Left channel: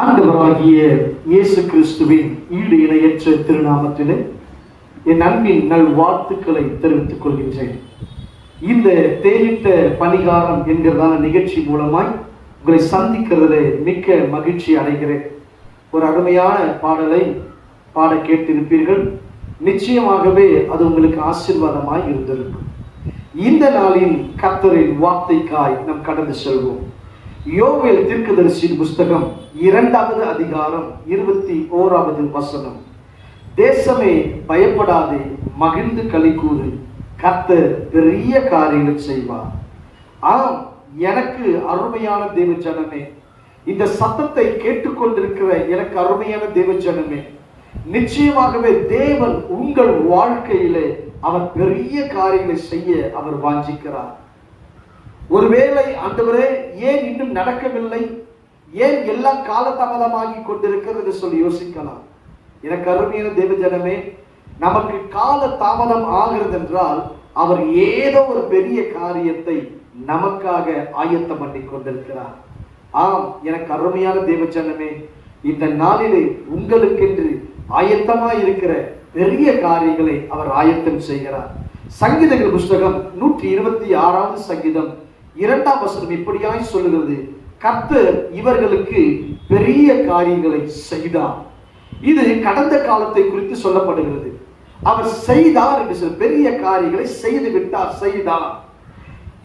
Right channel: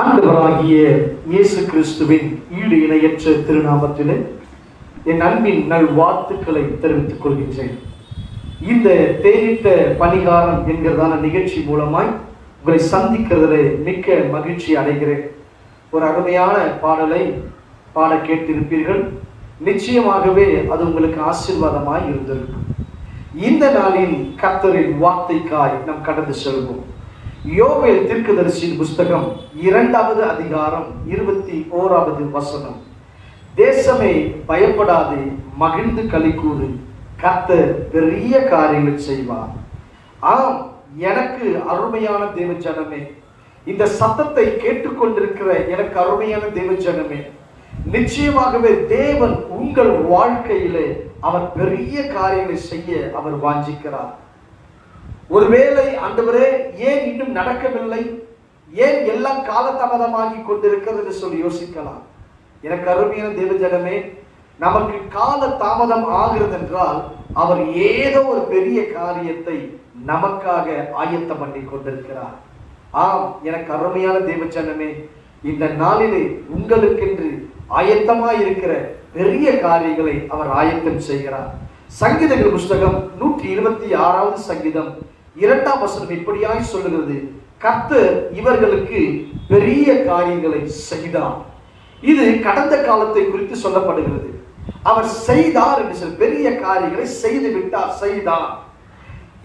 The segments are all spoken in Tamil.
ஆண்டவராகிய இயேசு கிறிஸ்துவின் ஈடு இணையற்ற திருநாமத்திலே என் அன்பின் நல் வாழ்த்துக்களை தெரிவித்துக் கொள்கின்றேன். இந்த தேனிட்ட பரிகாரம் என்கிறதான நிகழ்ச்சி மூலமாய் உங்களை சந்திக்கிறதிலே மிக்க மகிழ்ச்சி அடைகிறேன். ஒரு அருமையான பாடலை பாட கேட்டிருப்பீர்கள். நிச்சயமாகவே அது உங்களுக்கு ஆசீர்வாதமாய் இருந்திருக்கும். இந்த நாளில் கர்த்தரின் வார்த்தைக்காய் நாம் கடந்து செல்வோம். யோவேல் தீர்க்கதரிசியின் புஸ்தகம் 2வது அதிகாரம் 21வது வசனம். தேசமே பயப்படாதே, மகிழ்ந்து களிகூறு, கர்த்தர் பெரிய காரியங்கள் செய்வார். ஆம், எனக்கு அருமையான தேவ ஜனமே, இந்த சத்தத்தை கேட்டுக்கொண்டிருக்கிற எனக்கு அருமையான தேவ ஜனமே, நிச்சயமாகவே தேவன் உங்கள் வாழ்க்கையிலே அவர் பெரிய காரியங்களை செய்ய அவர் வாஞ்சிக்கிறார். ஒருவேளை ஆண்டவரே ஏன் இன்னும் நடக்கவில்லை, ஏன் எல்லாம் காலதாமதமாகி கொண்டிருக்கிறது என்று சொல்லி யோசிக்கலாம். எனக்கு அருமையான தேவ ஜனமே, நமக்கு கால தாமதம் ஆகிறது என்றால் அவர் ஏதோ ஒரு பெரிய காரியத்தை நமக்காக ஆயத்தம் பண்ணி கொண்டிருக்கிறார். ஆம், எனக்கு அருமையான தேவ ஜனமே, இந்த நாளிலே உங்களுக்கென்று ஆயத்தமாய் இருக்கிற பெரிய காரியங்களை அவர் ஆயத்தம் செய்கிறார். சங்கீதங்கள் புஸ்தகம் 126வது சங்கீதம் 2ஆம் வசனம் இப்படியாய் சொல்லுகிறது, கர்த்தர் இவர்களுக்கு பெரிய காரியங்களை செய்தார். இது கடந்த காலத்தை குறித்து சொல்லப்படுகிறது. அவர் செய்தார் என்று சொல்லி பெரிய காரியங்களை செய்து விட்டார், செய்தார்.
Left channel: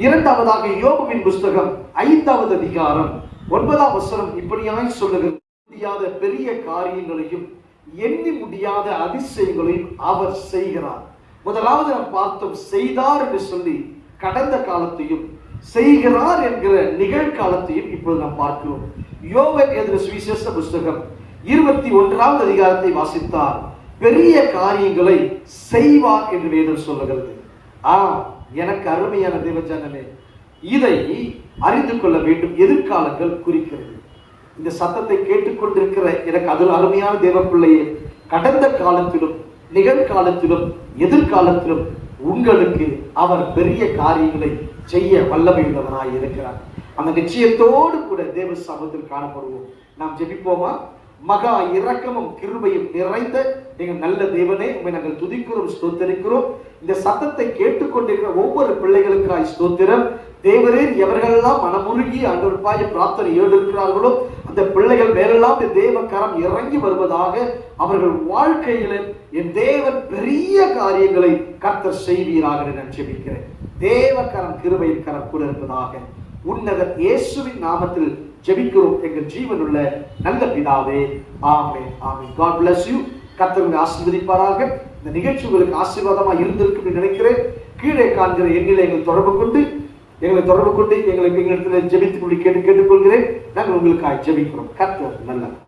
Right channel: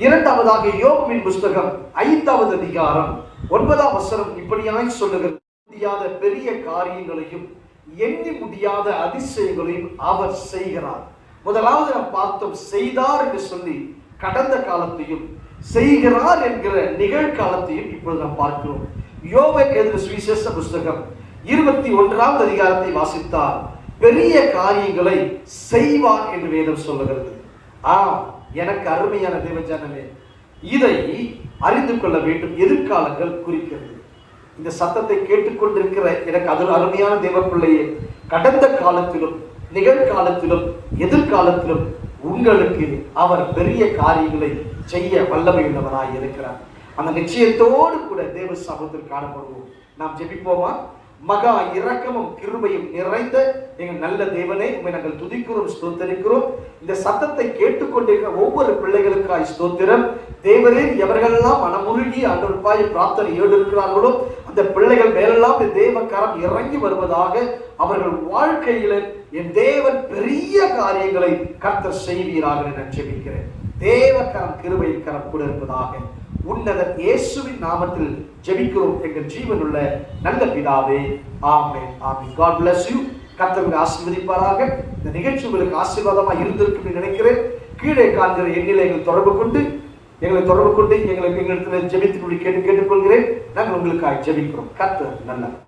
இரண்டாவதாக யோபுவின் புஸ்தகம் 5வது அதிகாரம் 9ஆம் வசனம் இப்படியாய் சொல்லுகிறது, முடியாத பெரிய காரியங்களையும் எண்ணி முடியாத அதிசயங்களையும் அவர் செய்கிறார். முதலாவது நாம் பார்த்தோம், செய்தார் என்று சொல்லி கடந்த காலத்தையும் செய்கிறார் என்கிற நிகழ்காலத்தையும் இப்பொழுது நாம் பார்க்கிறோம். யோவேல் எழுதின சுவிசேஷ புஸ்தகம் 21வது அதிகாரத்தை வாசித்தால் பெரிய காரியங்களை செய்வார் என்று வேதம் சொல்லுகிறது. எனக்கு அருமையான தேவ ஜனமே, இதை அறிந்து கொள்ள வேண்டும். எதிர்காலங்கள் குறிக்கிறது. இந்த சத்தத்தை கேட்டுக்கொண்டிருக்கிற எனக்கு அதில் அருமையான தேவ பிள்ளையே, கடந்த காலத்திலும் நிகழ்காலத்திலும் எதிர்காலத்திலும் உங்களுக்கு அவர் பெரிய காரியங்களை செய்ய வல்லமை உள்ளவராய் இருக்கிறார். அந்த நிச்சயத்தோடு கூட தேவ சமூகத்தில் காணப்படுவோம். நாம் ஜெபிப்போமா? மகா இரக்கமும் கிருபையும் நிறைந்த எங்கள் நல்ல தேவனே, உம்மை நாங்கள் துதிக்கிறோம், ஸ்தோத்திரிக்கிறோம். இந்த சத்தத்தை கேட்டுக்கொண்டிருக்கிற ஒவ்வொரு பிள்ளைகளுக்காய் ஸ்தோத்திரம். தேவரே, எவர்களெல்லாம் மனமுருகி ஆண்டவருக்காய் பிரார்த்தனை இருக்கிறார்களோ அந்த பிள்ளைகள் மேலெல்லாம் தேவ கரம் இறங்கி வருவதாக. அவர்கள் வாழ்க்கையில என் தேவன் பெரிய காரியங்களை கர்த்தர் செய்வீராக என ஜெபிக்கிறேன். தேவ கரம் கிருபையின் கரம் கூட இருப்பதாக. உன்னதர் இயேசுவின் நாமத்தில் ஜெபிக்கிறோம் எங்கள் ஜீவனுள்ள நல்ல பிதாவே, ஆமென், ஆமென். God bless you. கர்த்தர் உங்களை ஆசீர்வதிப்பாராக. இந்த நிகழ்ச்சி உங்களுக்கு ஆசீர்வாதமாக இருந்திருக்கு நினைக்கிறேன். கீழே காண்கிற எண்ணிலை எங்களை தொடர்பு கொண்டு எங்களிடத்தில் ஜெபித்து கேட்டுக்கொள்கிறேன். நாங்கள் உங்களுக்காக ஜெபிக்கிறோம். கர்த்தர் நல்லவர்.